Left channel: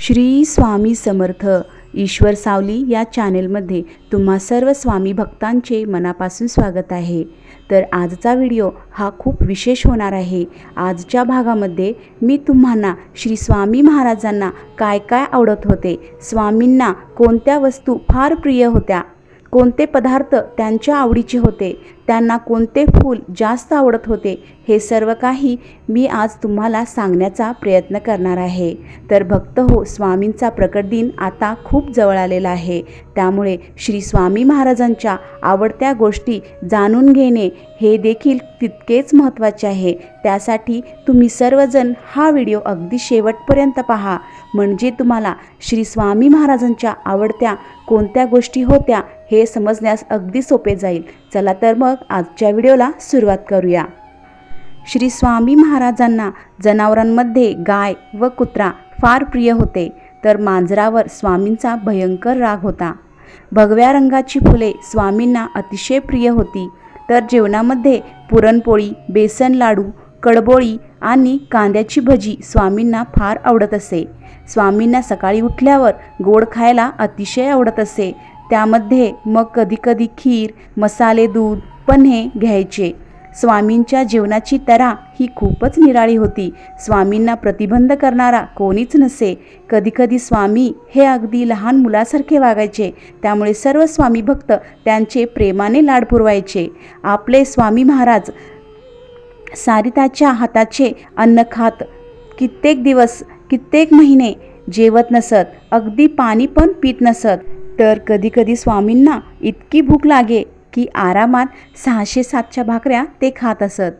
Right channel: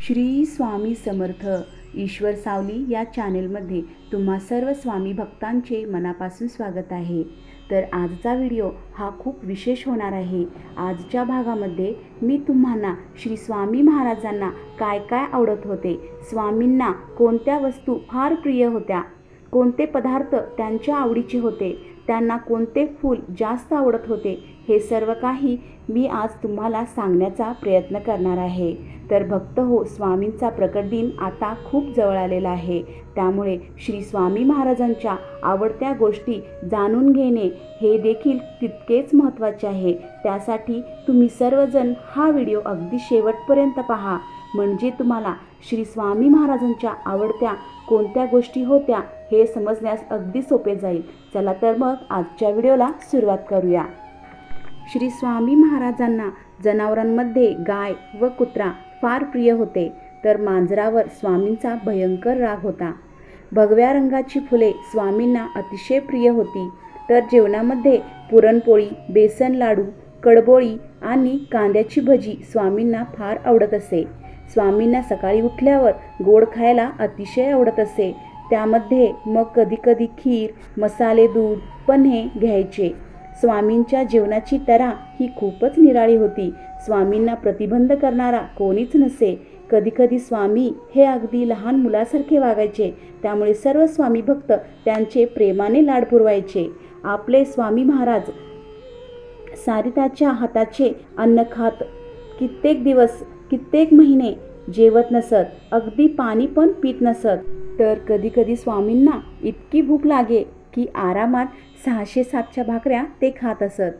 श्री स्वामी समर्थ ईश्वर सावली या चॅनेलमध्ये तुम्हा सर्व स्वामी भक्तांचे मनापासून स्वागत आहे. तर आजचा व्हिडिओ हा खूप विशेष होणार आहे. आजच्या भागामध्ये मी तुम्हाला श्री स्वामी महाराजांना काय काय आवडत होते स्वामींना कोणत्या वस्तू फार प्रिय होत्या कोणते पदार्थ त्यांच्या आवडीचे होते त्यांना कोणते फूल जास्त आवडत होते हे सर्व काही मी आज तुम्हाला सांगण्याचा प्रयत्न करणार आहे. तर भक्त हो स्वामींचा प्रकट दिन आता खूप जवळ आलेला आहे. त्यामुळे श्री स्वामी महाराजांच्या आवडत्या गोष्टी जाणून घेणे हे देखील तितकेच महत्त्वाचे आहे. त्यासाठी तुम्ही सर्वजण हा व्हिडिओ अगदी शेवटपर्यंत पहा. म्हणजे तुम्हाला श्री स्वामी महाराजांच्या आवडत्या कोणत्या गोष्टी होत्या हे समजण्यास अगदी सोपे जाईल. चला तर मग आजच्या व्हिडिओला सुरुवात करूया. श्री स्वामी महाराजांना जनावरांमध्ये गाय व कुत्रा फार प्रिय होते तर मांजरावर स्वामींचा भयंकर राग होता. भगव्या रंगाची फुले स्वामींना अतिशय प्रिय होती तर जेवणामध्ये पुरणपोळी बेसन लाडू कडबोळी आणि कांद्याची भजी स्वामींना फार आवडत असे. स्वामींना सकाळी उठल्यावर गोड खायला अतिशय आवडत असे. त्यामध्ये मग कधीकधी खीर मसाले दूध पण हे घ्यायचे. स्वामींच्या जेवणाची तरा ही खूपच निराळी होती. स्वामींना प्रतिबंध करणारा कोणीच नसे. कधीकधी स्वामी हे अगदी लहान मुलासारखे वागायचे. त्यामुळे सर्व स्वामी भक्त त्यांचे प्रेमाने लाड पुरवायचे. आपले स्वामी महाराज सारिताच्या हाताचे अन्न खात कित्येक दिवस कित्येक महिने जेवत नसत अगदी पाणी पण पित नसत. तर कधीकधी स्वामींना इतकी भूक लागे की आरामात सहाशे सातच्या भाकऱ्या ते खात असत.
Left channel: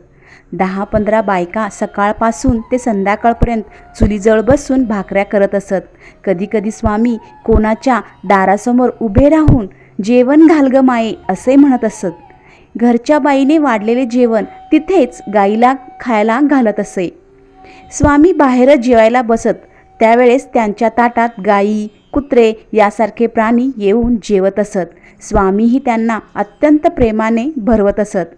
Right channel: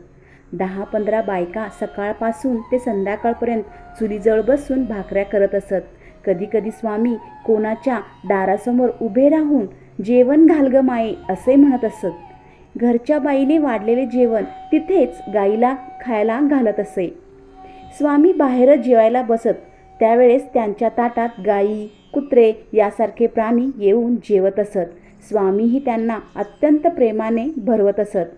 दहा पंधरा बायका सकाळपासून ते संध्याकाळपर्यंत चुलीजवळ बसून भाकऱ्या करत असत. कधीकधी स्वामी कोणाच्या दारासमोर उभे राहून जेवण घाल ग माये असे म्हणत असत. घरच्या बाईने वाढलेले जेवण तिथेच गाईला खायला घालत असे. स्वामी बाहेरच जेवायला बसत. त्यावेळेस त्यांच्या ताटात गायी कुत्रे यासारखे प्राणी येऊन जेवत असत. स्वामीही त्यांना अत्यंत प्रेमाने भरवत असत.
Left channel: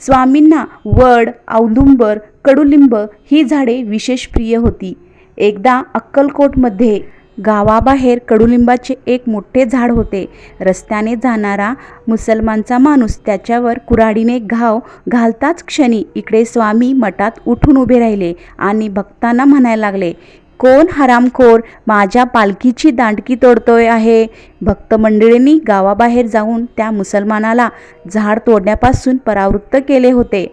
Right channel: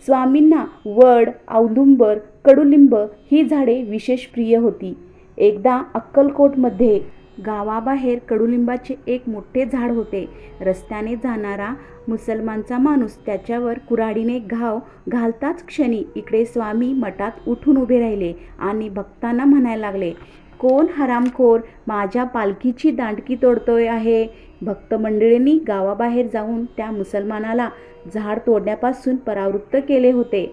स्वामींना वड औदुंबर कडुलिंब ही झाडे विशेष प्रिय होती. एकदा अक्कलकोटमध्ये गावाबाहेर कडुलिंबाचे एक मोठे झाड होते. रस्त्याने जाणारा मुसलमानचा माणूस त्याच्यावर कुऱ्हाडीने घाव घालताच क्षणी इकडे स्वामी मठात उठून उभे राहिले आणि भक्तांना म्हणायला लागले कोण हरामखोर? माझ्या पालखीची दांडकी तोडतोय आहे. भक्त मंडळींनी गावाबाहेर जाऊन त्या मुसलमानाला झाड तोडण्यापासून परावृत्त केले होते.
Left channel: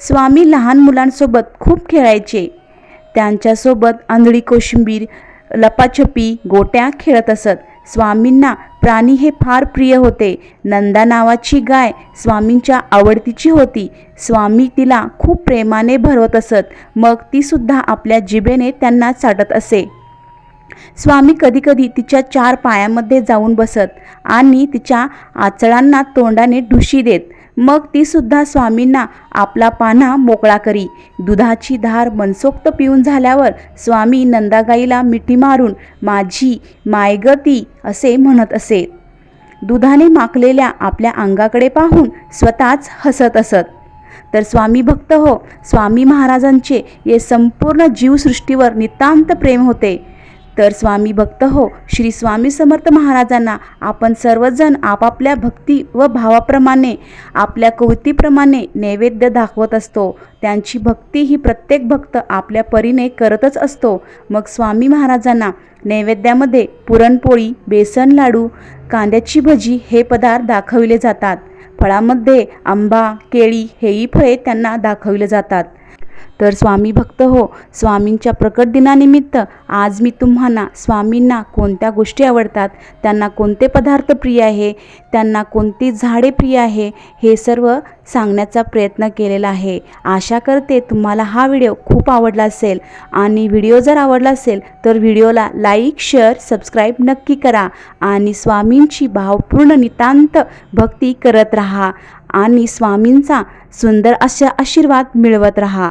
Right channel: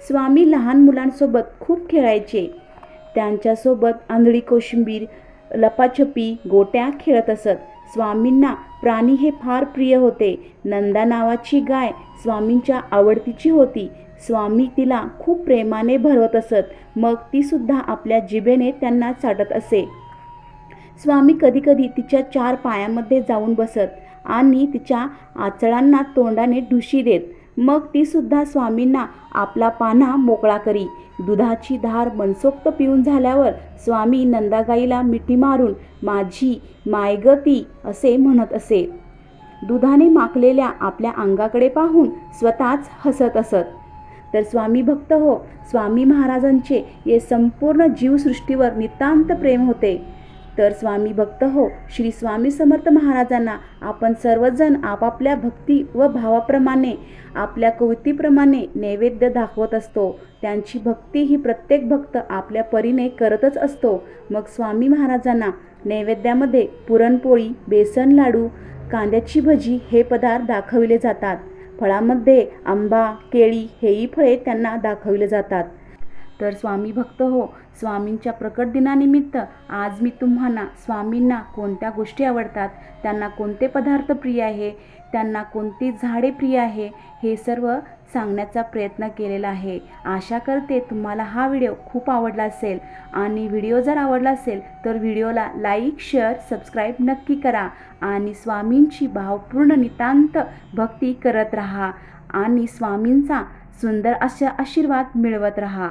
स्वामी लहान मुलांसोबत खूप खेळायचे. त्यांच्यासोबत आंधळी कोशिंबीर लपाछपी गोट्या खेळत असत. स्वामींना प्राणी हे फार प्रिय होते. नंदा नावाची गाय स्वामींच्या आवडतीची होती. स्वामी तिला खूप प्रेमाने भरवत असत. मग ती सुद्धा आपल्या जिभेने त्यांना चाटत असे. स्वामी कधीकधी तिच्या चार पायामध्ये जाऊन बसत आणि तिच्या आचळांना तोंडाने ढुशी देत. मग ती सुद्धा स्वामींना आपला पाना मोकळा करी. दुधाची धार मनसोक्त पिऊन झाल्यावर स्वामी नंदागाईला मिठी मारून माझी मायगती असे म्हणत असे. दुधाने माखलेल्या आपल्या अंगाकडे पाहून स्वतःच हसत असत. तर स्वामी भक्त हो स्वामी महाराजांचे हे संपूर्ण जीवसृष्टीवर नितांत प्रेम होते. तर स्वामी भक्त हो श्री स्वामी समर्थ महाराजांना आपण सर्वजण आपापल्या भक्ती व भावाप्रमाणे आपल्या कवतीप्रमाणे नैवेद्य दाखवत असतो. त्यांची भक्ती ही प्रत्येक भक्त आपल्या परीने करतच असतो. मग स्वामी महाराजांना नैवेद्यामध्ये पुरणपोळी बेसन लाडू कांद्याची भजी हे पदार्थ दाखविले जातात. फळामध्ये आंबा केळी हेही फळे त्यांना दाखविले जातात. तर स्वामी भक्त हो स्वामींच्या प्रकट दिनानिमित्त आज मी तुम्हाला स्वामींना कोणत्या गोष्टी आवडतात त्यांना कोणते पदार्थ प्रिय आहे त्यांना कोणती झाडे प्रिय आहे हे सर्व सांगण्याचा प्रयत्न केलेला आहे. आशा करते तुम्हाला हा व्हिडिओ खूप आवडला असेल आणि व्हिडिओ जर आवडला असेल तर व्हिडिओला लाईक शेअर सबस्क्राईब नक्की करा आणि स्वामींची भावपूर्ण नितांत भक्ती करत राहा आणि स्वामींचा सुंदर अशा आशीर्वाद मिळवत राहा.